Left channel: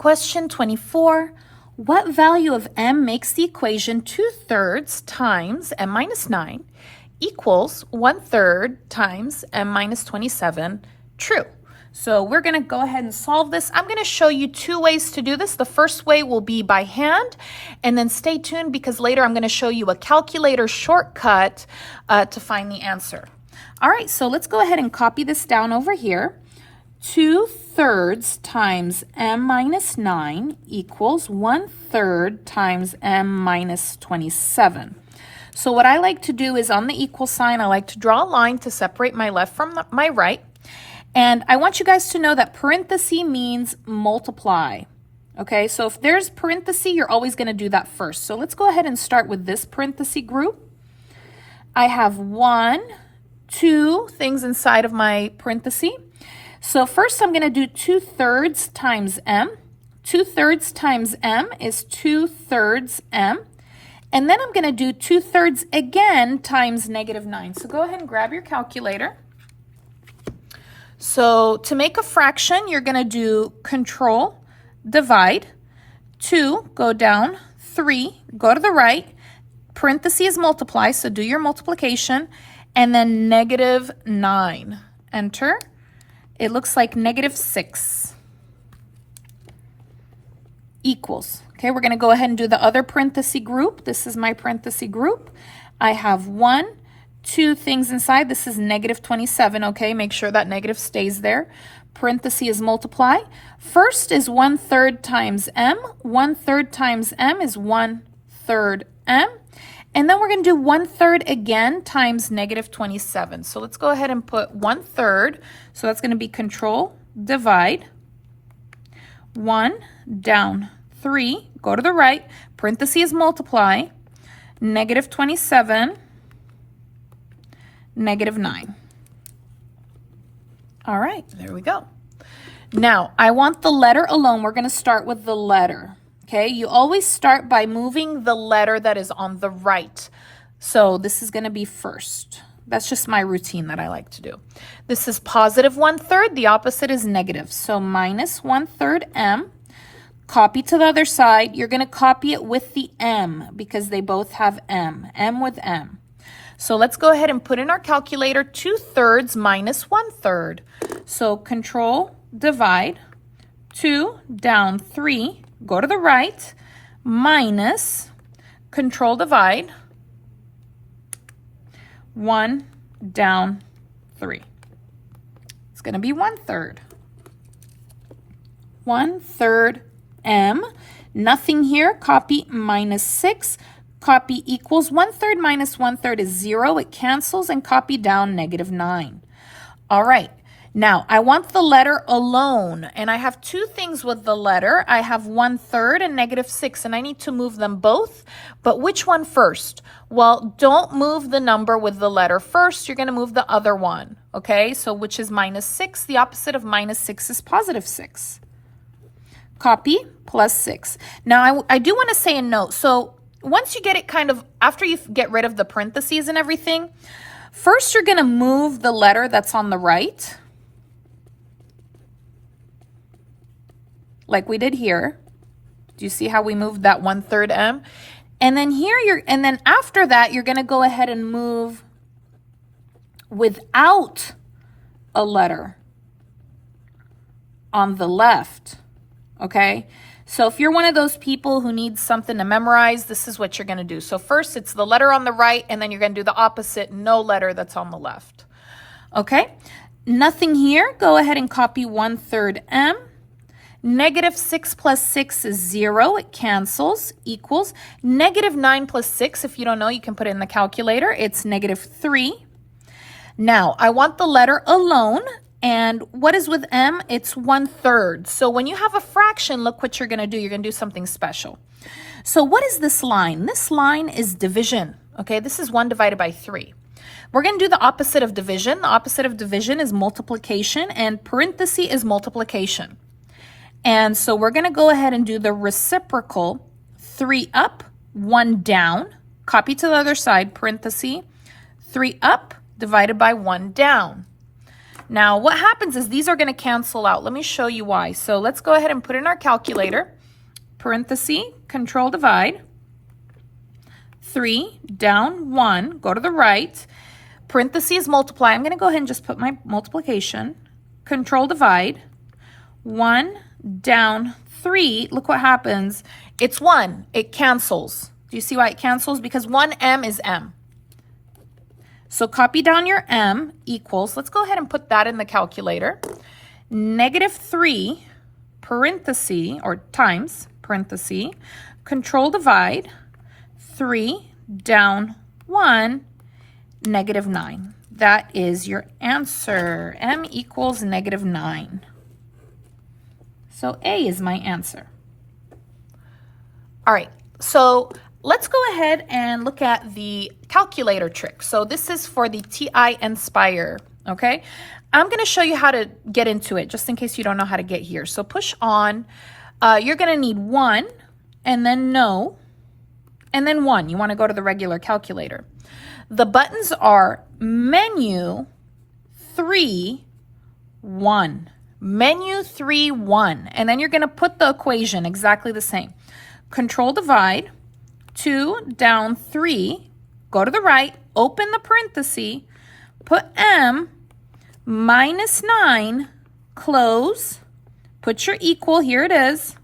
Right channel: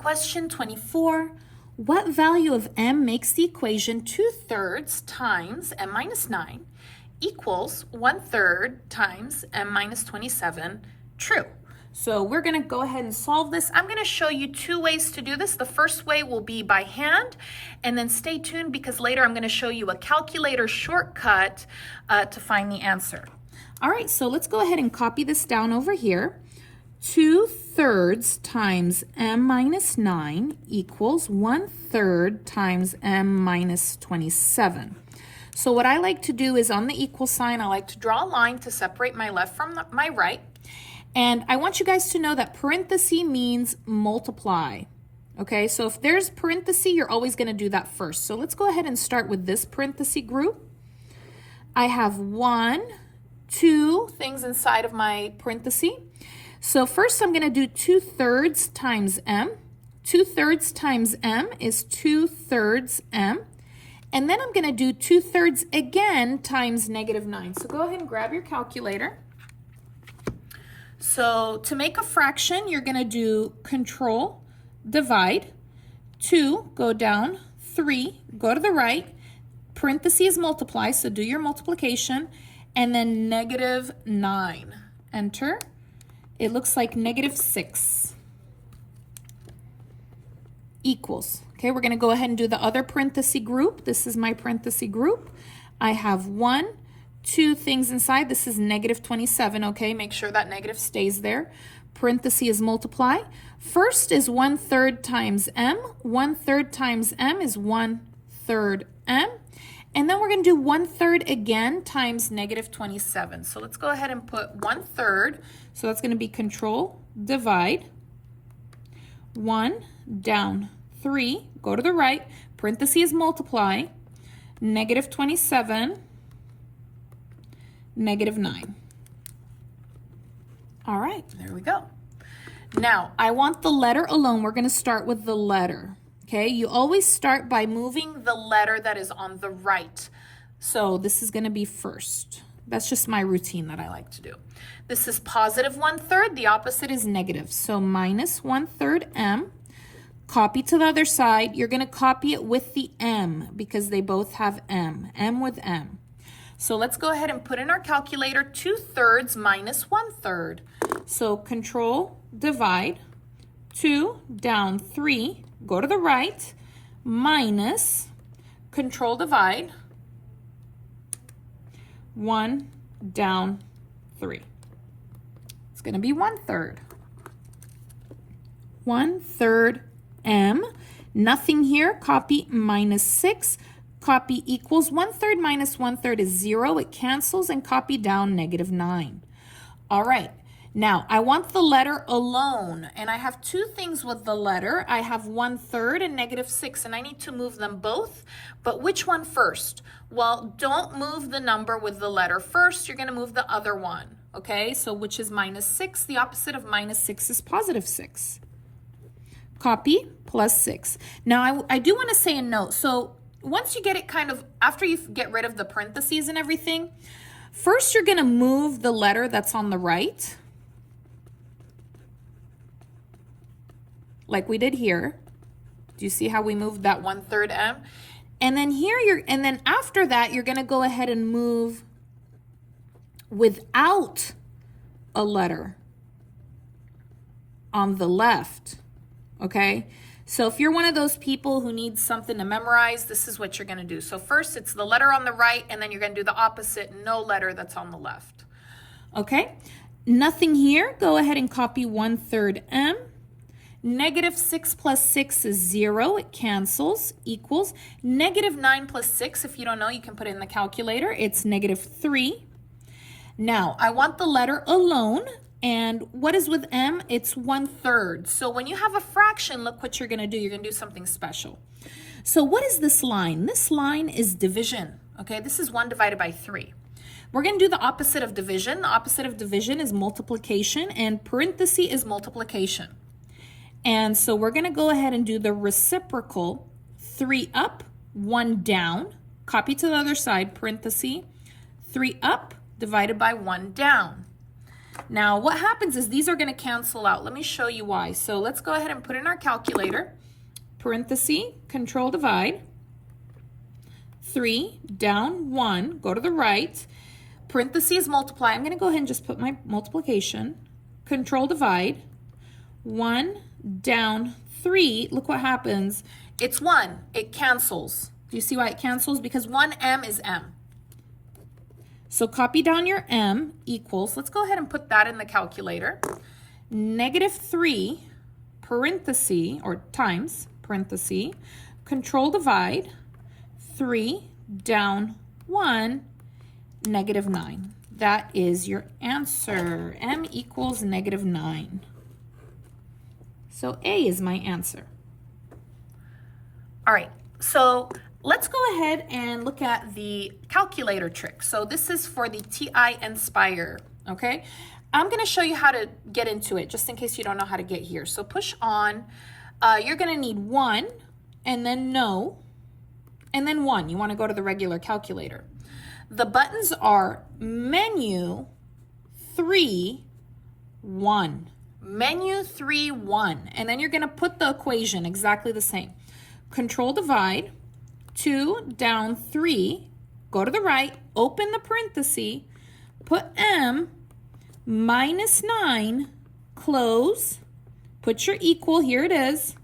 Question 24. What value of m makes the equation 2/3 times m minus 9 equals 1/3 times m minus 27 true? So we're going to go ahead and solve this. I'm going to show you two ways to do this. The first way will be by hand, and then stay tuned because later I'm going to show you a calculator shortcut to find the answer. All right, so let's go ahead and copy this down over here. 2/3 times m minus 9 equals 1/3 times m minus 27. So what I like to do is on the equal sign, I like to draw a line to separate my left from my right. And I want you guys to know that parenthesis means multiply. Okay, so if there's parenthesis, you're always going to do that first. So let's go ahead and start with this parenthesis group. I have 1, 2 things inside of my parenthesis. So first I'm going to do 2/3 times m. 2/3 times m is 2/3 m. And then I'm going to do 2/3 again times -9. So go ahead and grab your calculator. So to make a fraction, you're going to do control, divide, 2, go down, 3, go to the right, parenthesis is multiply, so do your multiplication, and then -9. Enter. It looks like -6 equals. Okay, we're going to go ahead and do the other parenthesis group. This is my parenthesis group. I have 1, 2 things inside. This is -27. Okay, make sure that negative stays there. Parenthesis is multiply. First is 1/3 times m. 1/3 times m is 1/3 m. And then we're going to do 1/3 again times -27. So let's go ahead and put 1/3. So that's going to be control, divide, 1, down, 3, go to the right, parenthesis is multiply, -27, -9. All right, there we go. Now, I want the letter alone. We're going to start with the letter. Okay, you always start by moving the letter that is on the right. So this is going to be first. That's just my routine that I like to do. This is positive 1/3. The opposite is negative. So minus 1/3 m. Copy to the other side. You're going to copy it with the m because they both have m. M with m. So let's go ahead and put in our calculator 2/3 minus 1/3. So control, divide, 2, down, 3, go to the right, minus, control, divide, 1, down, 3. It's going to be 1/3. 1/3 m. Nothing here. Copy -6. Copy equals 1/3 minus 1/3 is 0. It cancels, and copy down -9. All right. Now, I want the letter alone, and I have two things with the letter. I have 1/3 and -6, and I need to move them both. But which one first? Well, don't move the number with the letter first. You're going to move the other one, okay? So which is -6? The opposite of -6 is +6. Copy, +6. Now, I do want to say a note. So once you get it kind of, after you get rid of the parentheses and everything, first you're going to move the letter that's on the right, like we did here. Do you see how we moved that 1/3 m? And then here and then after that, you're going to go ahead and move without a letter on the left, okay? So if you're one of those people who needs something to memorize, this is what you're going to do. So first it's the letter on the right, and then you're going to do the opposite, no letter that's on the left. Okay? Nothing here. Go ahead and copy 1/3 m. -6 plus 6 is 0. It cancels, equals -9 plus 6. If you don't know, you can put it in the calculator. It's -3. Now, I want the letter alone. And what is with m? It's 1/3. So when you have a fraction, look what you're going to do. You're going to do something special. So what is this line? This line is division. Okay, this is 1 divided by 3. We're going to do the opposite of division. The opposite of division is multiplication, and parenthesis is multiplication. And so we're going to go ahead and do the reciprocal. 3 up, 1 down. Copy to the other side, parenthesis. 3 up divided by 1 down. Now, what happens is these are going to cancel out. Let me show you why. So let's go ahead and put in our calculator. Parenthesis, control divide. 3 down 1, go to the right. Parentheses multiply. I'm going to go ahead and just put my multiplication. Control divide. 1 down 3. Look what happens. It's 1. It cancels. Do you see why it cancels? Because 1m is m. So copy down your m equals, let's go ahead and put that in the calculator. -3 parenthesis or times parenthesis, control divide, 3 down 1, -9. That is your answer. M equals -9. So A is my answer. All right, so let's go ahead and look at the calculator trick. So this is for the TI Inspire, okay? I'm going to show you how to get into it, just in case you don't know how to get here. So push on. You're going to need 1, and then no, and then 1. You want to go to the regular calculator. The buttons are menu 3, 1. Menu 3, 1. And then you're going to put the equation exactly the same. Control divide. 2 down 3, go to the right, open the parenthesis, put m, -9, close, put your equal, here it is,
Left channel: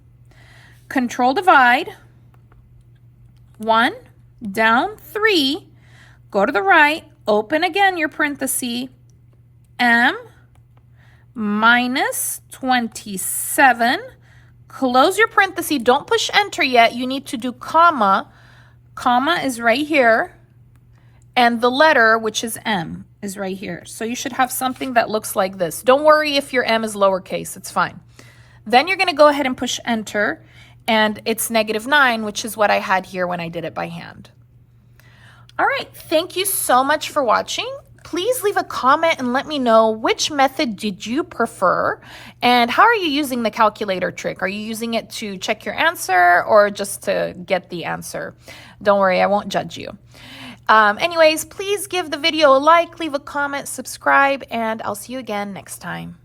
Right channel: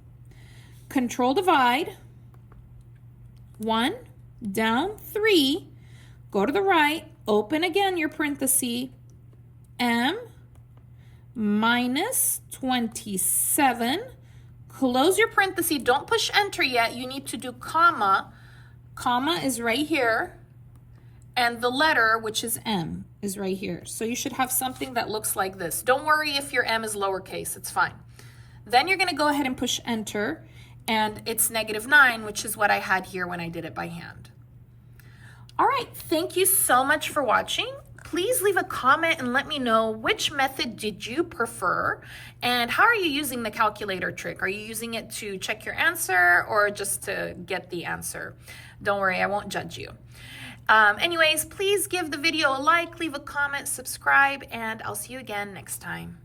control divide, 1 down 3, go to the right, open again your parenthesis, m, -27, close your parenthesis, don't push enter yet, you need to do comma. Comma is right here, and the letter, which is M, is right here. So you should have something that looks like this. Don't worry if your M is lowercase, it's fine. Then you're going to go ahead and push enter, and it's -9, which is what I had here when I did it by hand. All right, thank you so much for watching. Please leave a comment and let me know which method did you prefer and how are you using the calculator trick? Are you using it to check your answer or just to get the answer? Don't worry, I won't judge you. Anyways, please give the video a like, leave a comment, subscribe, and I'll see you again next time.